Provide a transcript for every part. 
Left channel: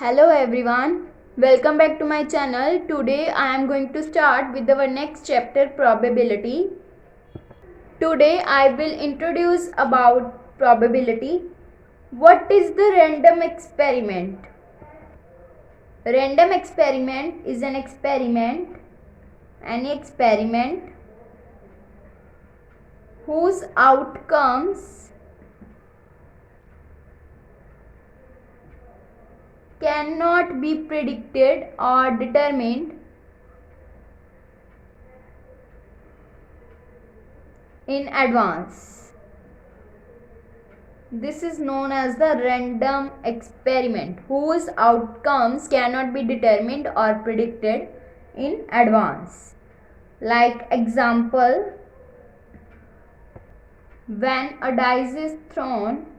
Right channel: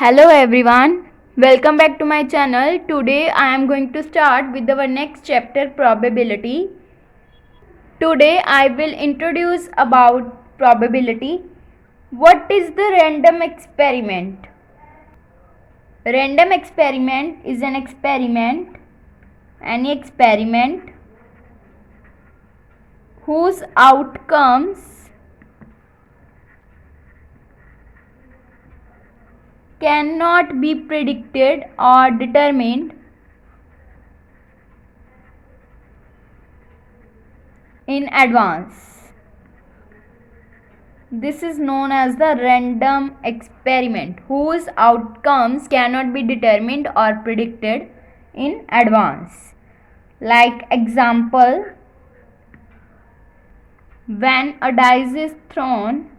Hello everyone, welcome back to my channel. Today I am going to start with our next chapter, probability. Today I will introduce about probability. What is the random experiment? Random experiment is an experiment, any experiment whose outcomes cannot be predicted or determined in advance. This is known as the random experiment whose outcomes cannot be determined or predicted in advance. Like example, when a dice is thrown,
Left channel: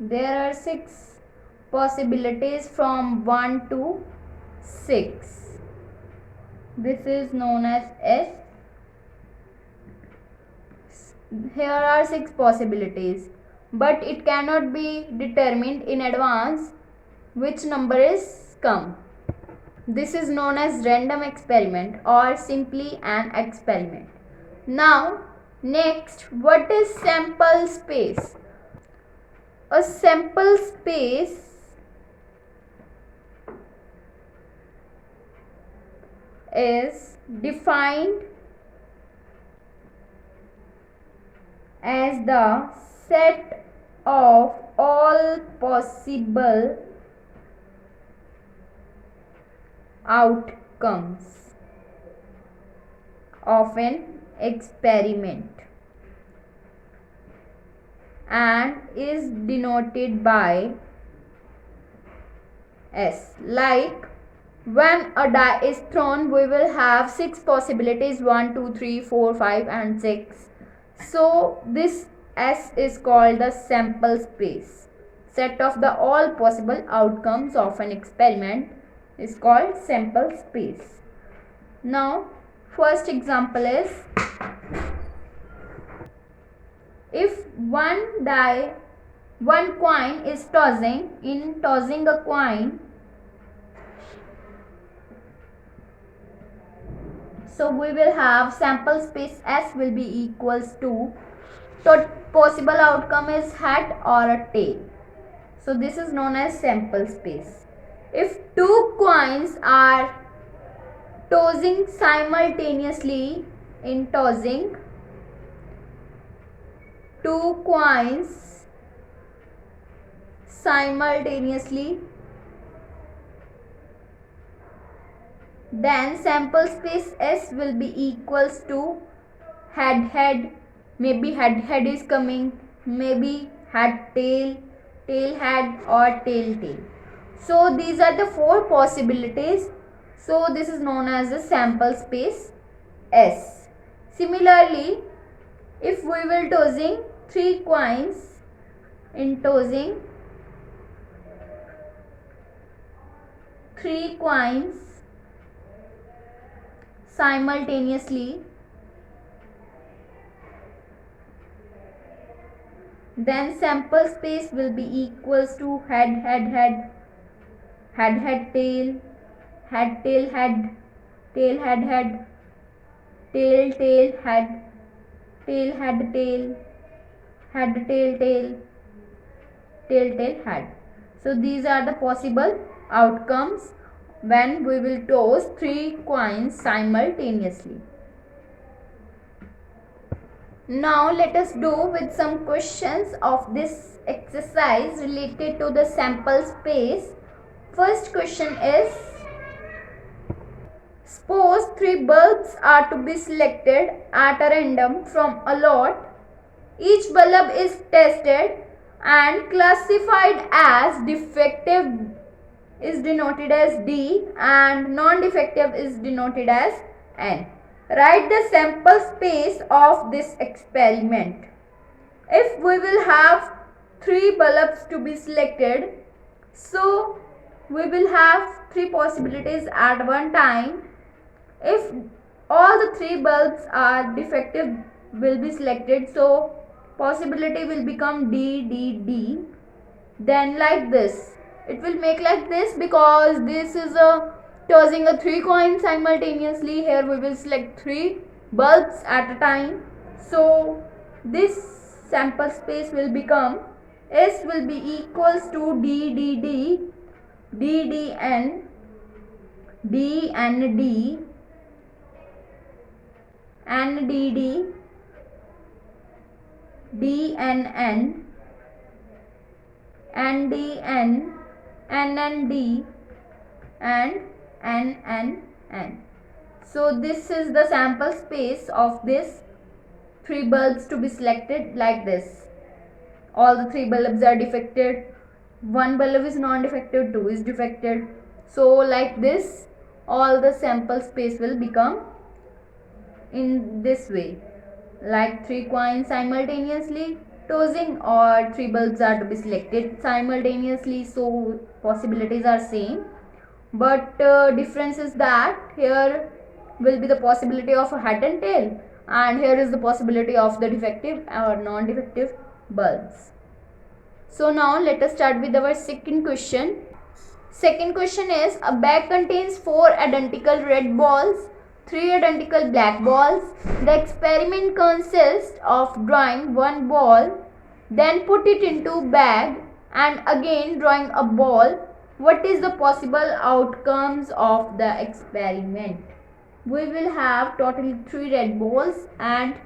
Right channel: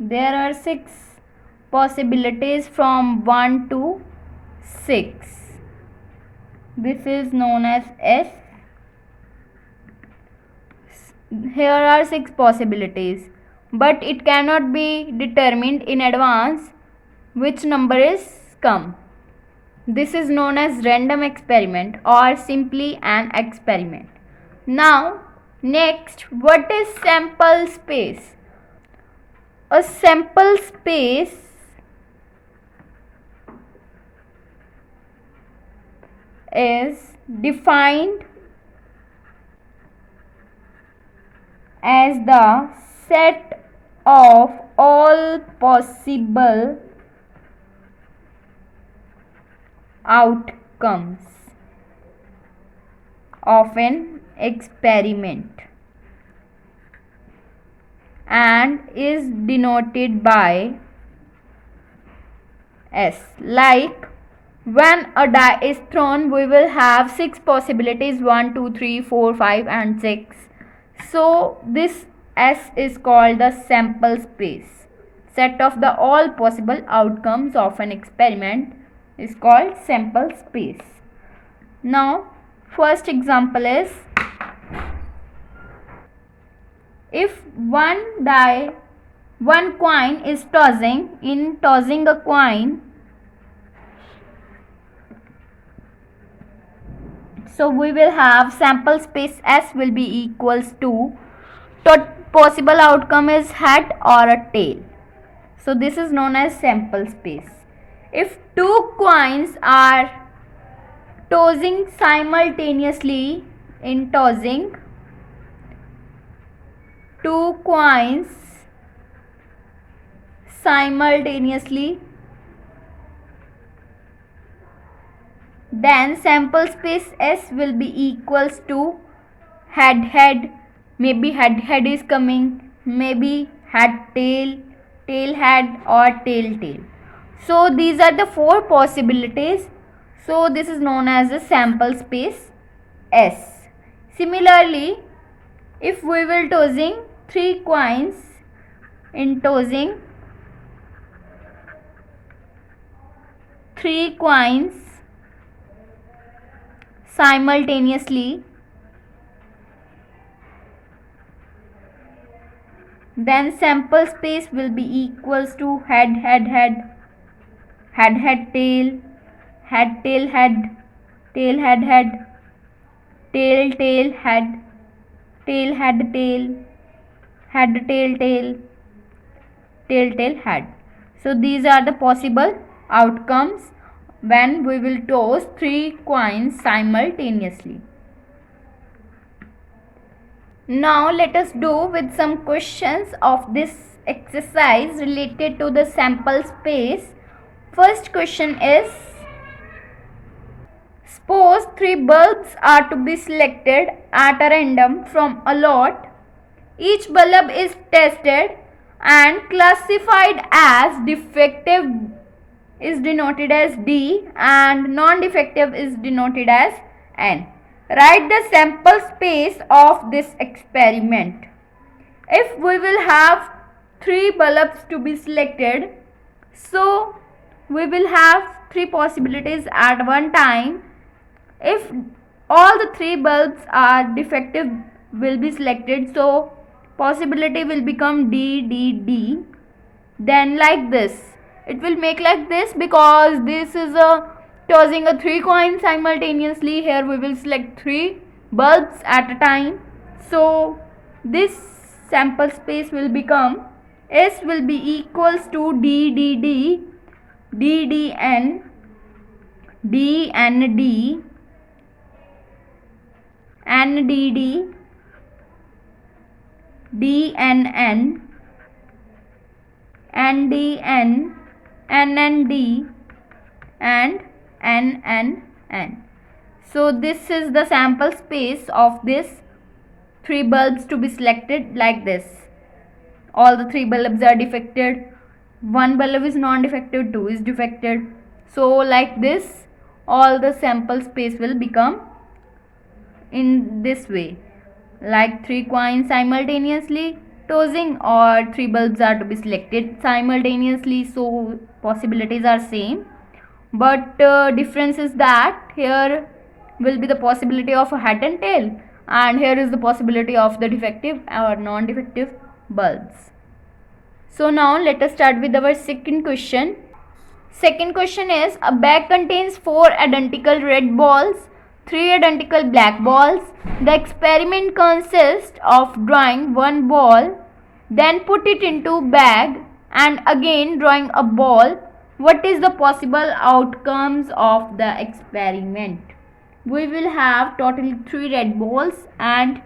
there are 6 possibilities from 1 to 6. This is known as S. Here are 6 possibilities, but it cannot be determined in advance which number is come. This is known as random experiment or simply an experiment. Now, next, what is sample space? A sample space is defined as the set of all possible outcomes of an experiment and is denoted by S. Like when a die is thrown, we will have 6 possibilities 1, 2, 3, 4, 5 and 6. So this S is called the sample space. Set of the all possible outcomes of an experiment is called sample space. Now first example is, if one coin is tossing, in tossing a coin, so we will have sample space S will be equals to possible outcome is head or a tail. So this is known as sample space. If 2 coins are tossing simultaneously, in tossing 2 coins simultaneously, then sample space S will be equals to head, maybe head is coming, maybe head tail, tail head or tail. So these are the 4 possibilities. So this is known as the sample space S. Similarly, if we will tossing 3 coins, in tossing 3 coins simultaneously, then sample space will be equals to head, tail, tail head, tail head, tail head, tail tail, tail head. So these are the possible outcomes when we will toss 3 coins simultaneously. Now let us do with some questions of this exercise related to the sample space. First question is, suppose 3 bulbs are to be selected at a random from a lot. Each bulb is tested and classified as defective is denoted as D and non-defective is denoted as N. Write the sample space of this experiment. If we will have 3 bulbs to be selected, so we will have 3 possibilities at one time. If all the 3 bulbs are defective will be selected, so possibility will become D. then like this. It will make like this because this is a tossing a 3 coins simultaneously. Here we will select 3 bulbs at a time. So this sample space will become S will be equals to D D D D D N D N D N D D D N N N D N N N D and N N N. So this is the sample space of this 3 bulbs to be selected like this. All the 3 bulbs are defected. 1 bulb is non-defective, 2 is defected. So like this, all the sample space will become in this way. Like 3 coins simultaneously tossing, or 3 bulbs are to be selected simultaneously. So possibilities are same, but difference is that here will be the possibility of a hat and tail, and here is the possibility of the defective or non-defective bulbs. So now let us start with our second question. Second question is, a bag contains 4 identical red balls, 3 identical black balls. The experiment consists of drawing one ball, then put it into bag and again drawing a ball. What is the possible outcomes of the experiment? We will have total 3 red balls and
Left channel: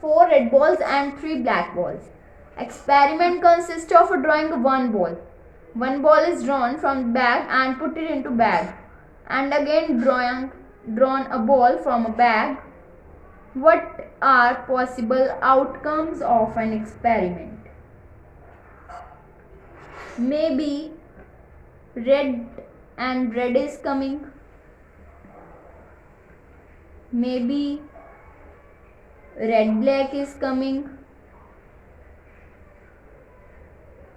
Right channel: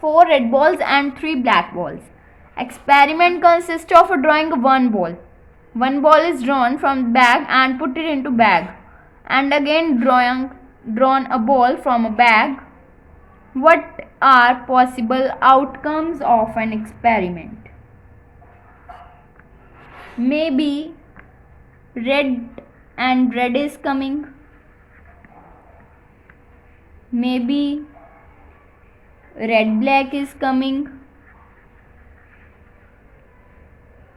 4 red balls and 3 black balls. Experiment consists of drawing one ball. One ball is drawn from bag and put it into bag, and again drawn a ball from a bag. What are possible outcomes of an experiment? Maybe red and red is coming. Maybe red black is coming.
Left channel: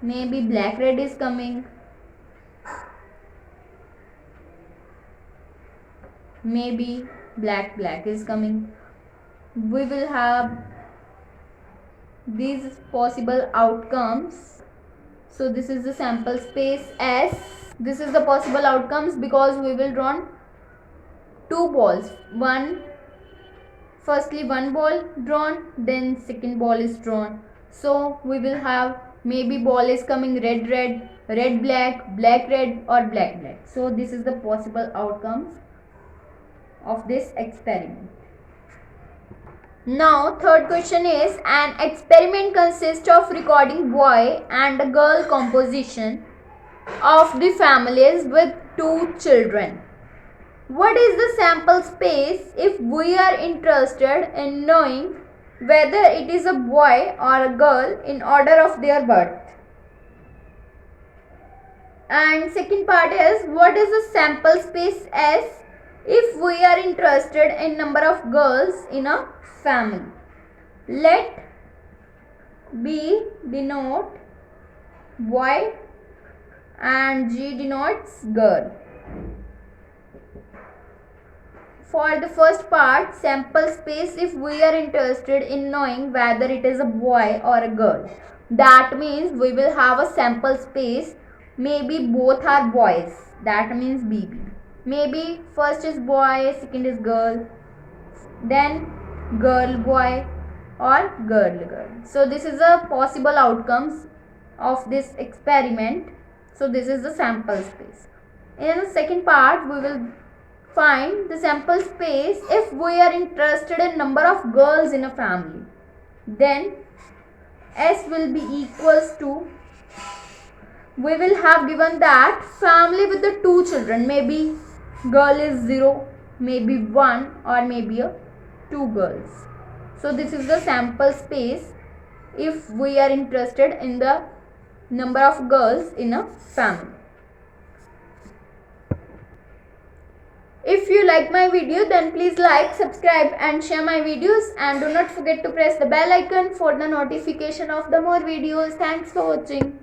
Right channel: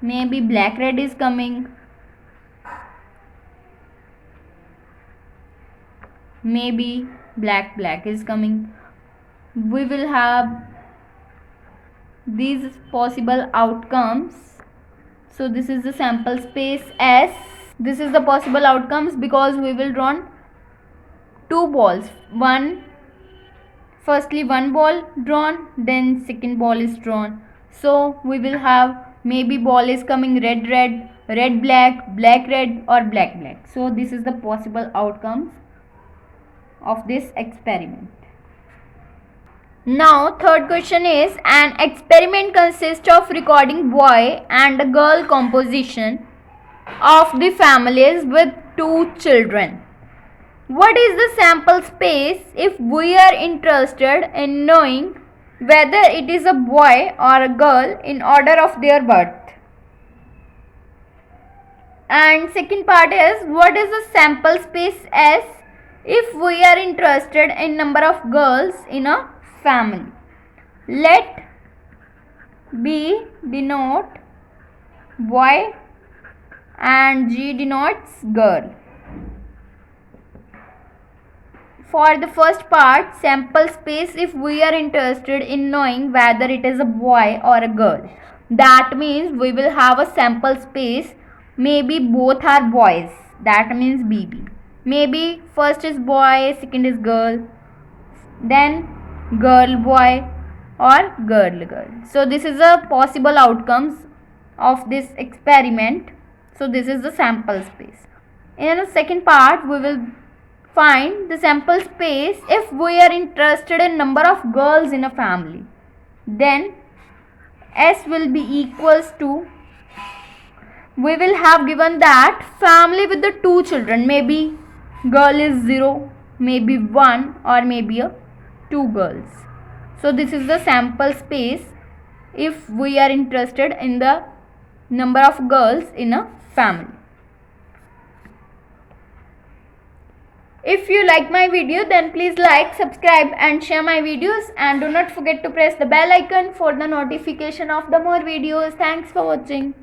Maybe black red is coming. Maybe black black is coming. We will have these possible outcomes. So this is the sample space S. This is the possible outcomes because we will draw 2 balls. Firstly one ball drawn, then second ball is drawn. So we will have maybe ball is coming red red, red black, black red, or black black. So this is the possible outcomes of this experiment. Now third question is, an experiment consists of recording boy and girl composition of the families with 2 children. What is the sample space if we are interested in knowing whether it is a boy or a girl in order of their birth? And second part is, what is the sample space S if we are interested in number of girls in a family? Let B denote boy and G denotes girl. For the first part, sample space if we are interested in knowing whether it is a boy or a girl. That means we will have a sample space. Maybe both are boys. That means BB. Maybe first is boy, second is girl. Then girl boy or girl girl. So this is a possible outcomes of this experiment. So this is the sample space. In the second part, we will find the sample space if we are interested in number of girls in a family. Then S will be equals to, we will have given that family with the 2 children. Maybe girl is 0, maybe 1, or maybe 2 girls. So this is the sample space if we are interested in the number of girls in a family. If you like my video, then please like, subscribe and share my videos, and do not forget to press the bell icon for the notification of the more videos. Thanks for watching.